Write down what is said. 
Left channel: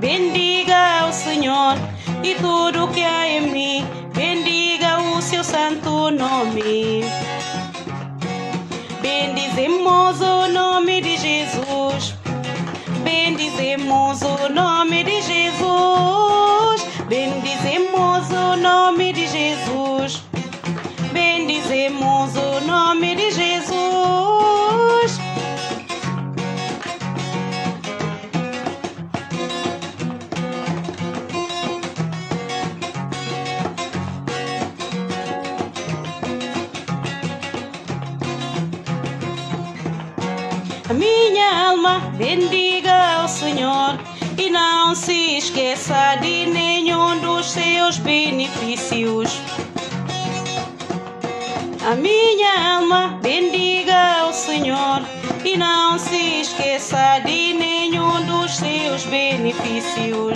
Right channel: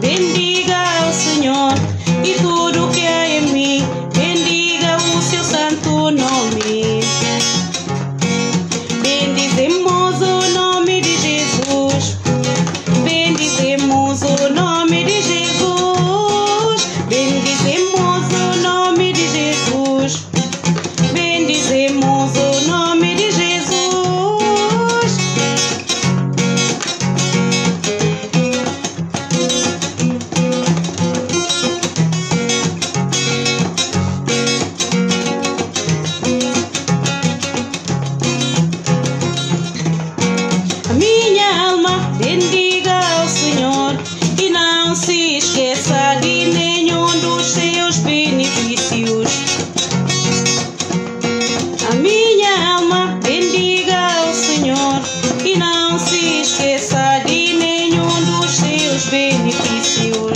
bendiga o Senhor e tudo que há em mim, bendiga o seu santo nome. Bendizemos o nome de Jesus, bendizemos o nome de Jesus, bendizemos o nome de Jesus, bendizemos o nome de Jesus. A minha alma bendiga o Senhor e não se esqueça de nenhum dos seus benefícios. A minha alma bendiga o Senhor e não se esqueça de nenhum dos seus benefícios.